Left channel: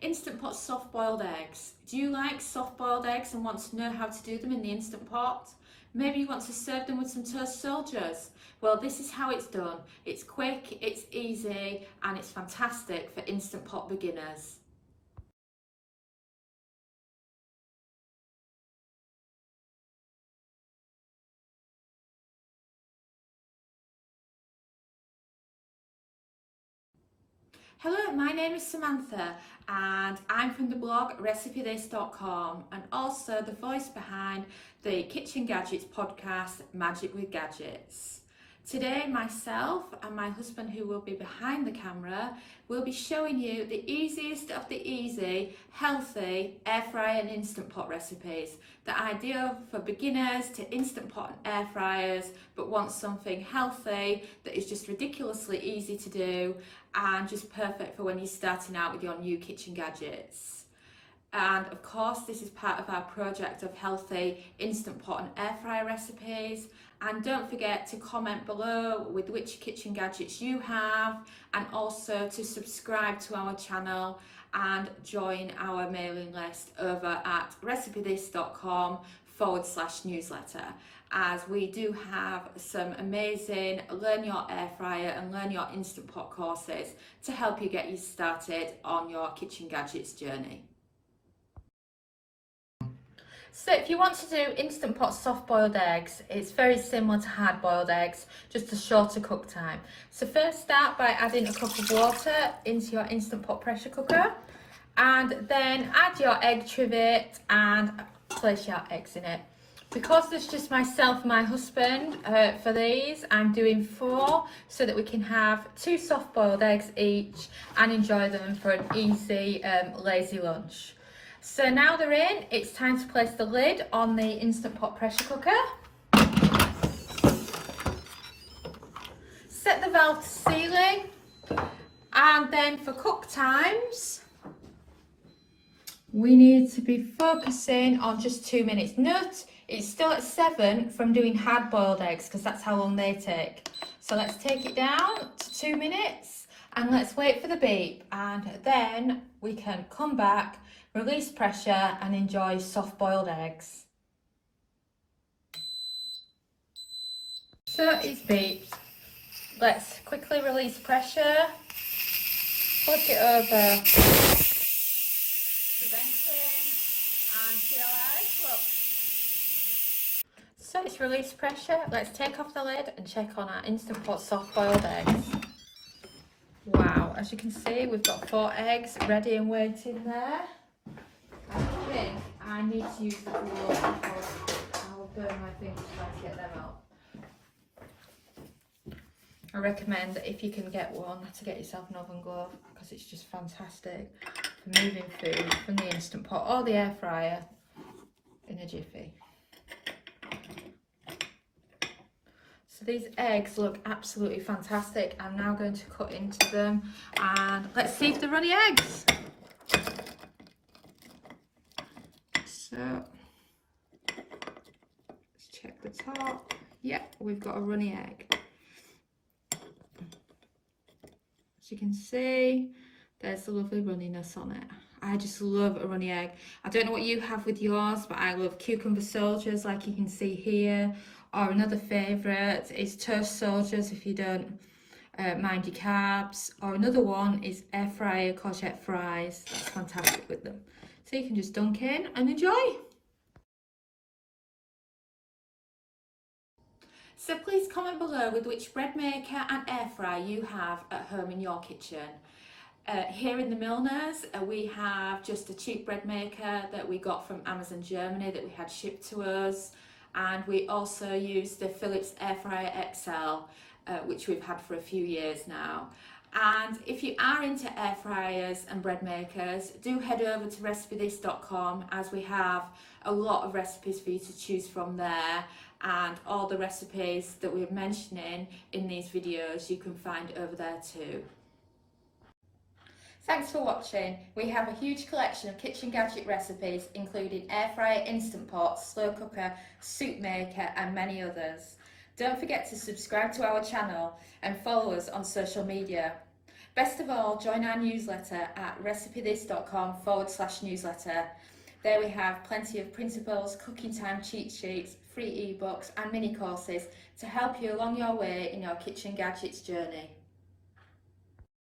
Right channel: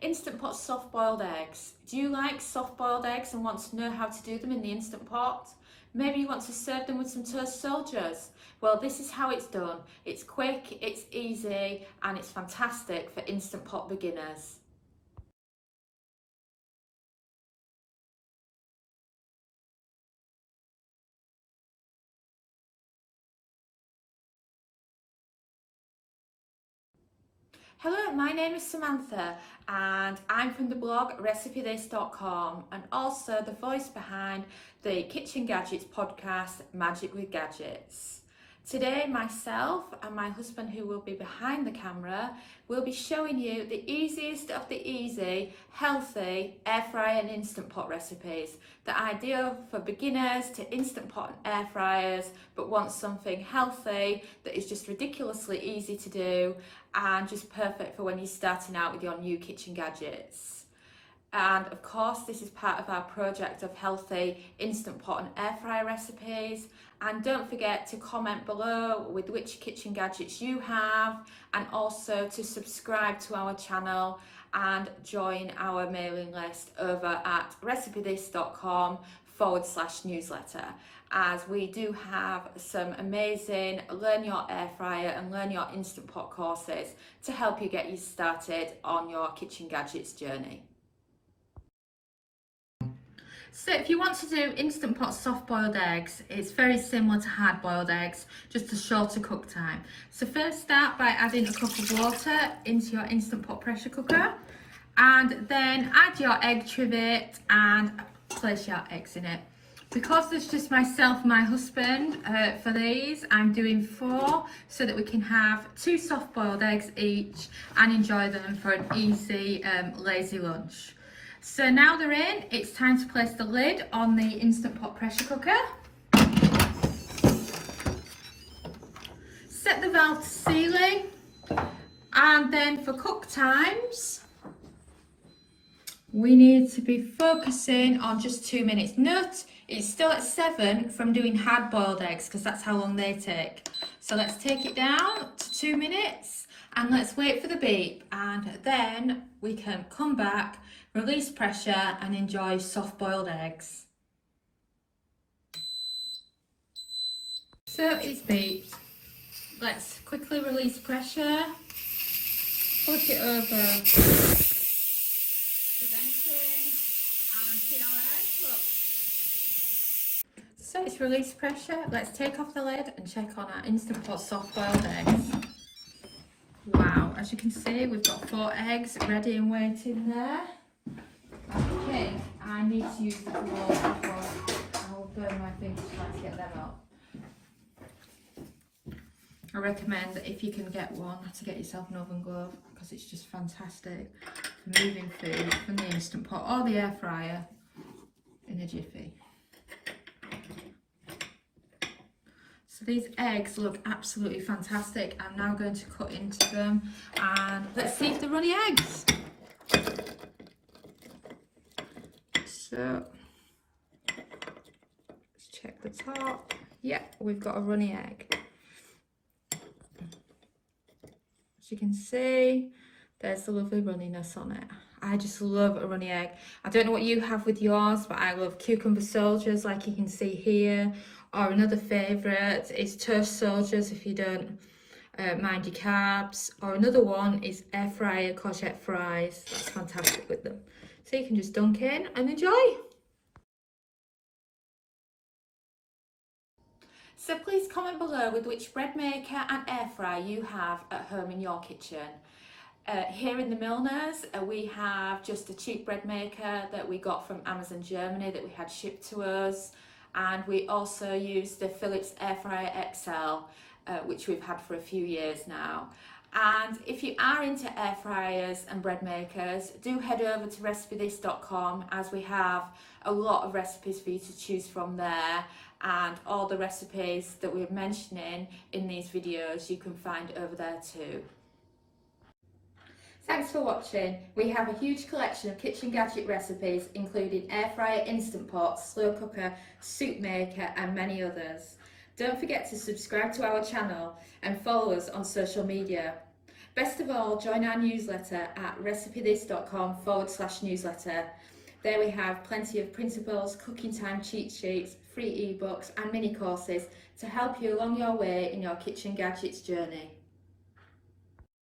Instant Pot soft boiled eggs. Do you like soft boiled eggs and want to know how to do them in the Instant Pot? Maybe you want to serve them with some toast soldiers. Well, this is how it's done. It's quick, it's easy, and it's fantastic for Instant Pot beginners. Hello, my name is Samantha and I'm from the blog recipethis.com and also the voice behind the Kitchen Gadgets podcast, Magic with Gadgets. Today, myself and my husband, who will be behind the camera, will be showing you the easiest of the easy, healthy air fryer and Instant Pot recipes. The ideal for beginners to Instant Pot and air fryers, but want something healthy that is just ridiculously easy to do and just perfect for when you're starting out with your new kitchen gadgets. And of course, this is part of our project of healthy Instant Pot and air fryer recipes. And don't forget to comment below with which kitchen gadgets you have, and also to subscribe to our channel and join our mailing list over at recipethis.com/newsletter, as we do have some amazing Learn Your Air Fryer and Learn Your Instant Pot courses to help you get you started on your kitchen gadgets journey. So if you want to do Instant Pot soft boiled eggs, it's very similar to hard boiled eggs, just a shorter cook time. So first start by adding a cup of water into your Instant Pot pressure cooker, and then add your egg trivet and place your eggs in it. Because there's just myself and my husband for these, I'm doing 4 so that we can have 2 soft boiled eggs each and enjoy them for an easy lazy lunch. So now they're in, it's time to place the lid on the Instant Pot pressure cooker. Set the valve to sealing, and then for cook times, we need to be focusing on just 2 minutes. Note, it's still at 7 from doing hard boiled eggs because that's how long they take. So let's take it down to 2 minutes and let's wait for the beep, and then we can come back, release pressure and enjoy soft boiled eggs. So it's beeped. Let's quickly release pressure, put it over the venting and see our eyes look. So it's released pressure. Let's take off the lid and check on our Instant Pot soft boiled eggs. Wow, as you can see, we've got 4 eggs ready and waiting there. I think I need to use that glove before I will burn my fingers trying to get them out. I recommend that if you can get one, to get yourself an oven glove, because it's just fantastic for moving food from the Instant Pot or the air fryer in a jiffy. So these eggs look absolutely fantastic. I'm now going to cut into them and let's see if they're runny eggs. So let's check the top. Yeah, we've got a runny egg. As you can see, there's the lovely runniness on it. I just love a runny egg. I don't know what you have with yours, but I love cucumber soldiers, like you can see here. Or another favourite is toast soldiers if you don't mind your carbs. Or another one is air fryer courgette fries. That's fantastic with them. So you can just dunk in and enjoy. So please comment below with which bread maker and air fryer you have at home in your kitchen. Here in the Milners, we have just a cheap bread maker that we got from Amazon Germany that we had shipped to us, and we also use the Philips Air Fryer XL, which we've had for a few years now. And if you are into air fryers and bread makers, do head over to recipethis.com, as we have a lot of recipes for you to choose from there, and all the recipes that we're mentioning in these videos you can find over there too. Thanks for watching. We have a huge collection of kitchen gadget recipes including air fryer, Instant Pot, slow cooker, soup maker and many others. Don't forget to subscribe to our channel and follow us on social media. Best of all, join our newsletter at recipethis.com/newsletter. There we have plenty of printables, cooking time cheat sheets, free ebooks and mini courses to help you along your way in your kitchen gadgets journey.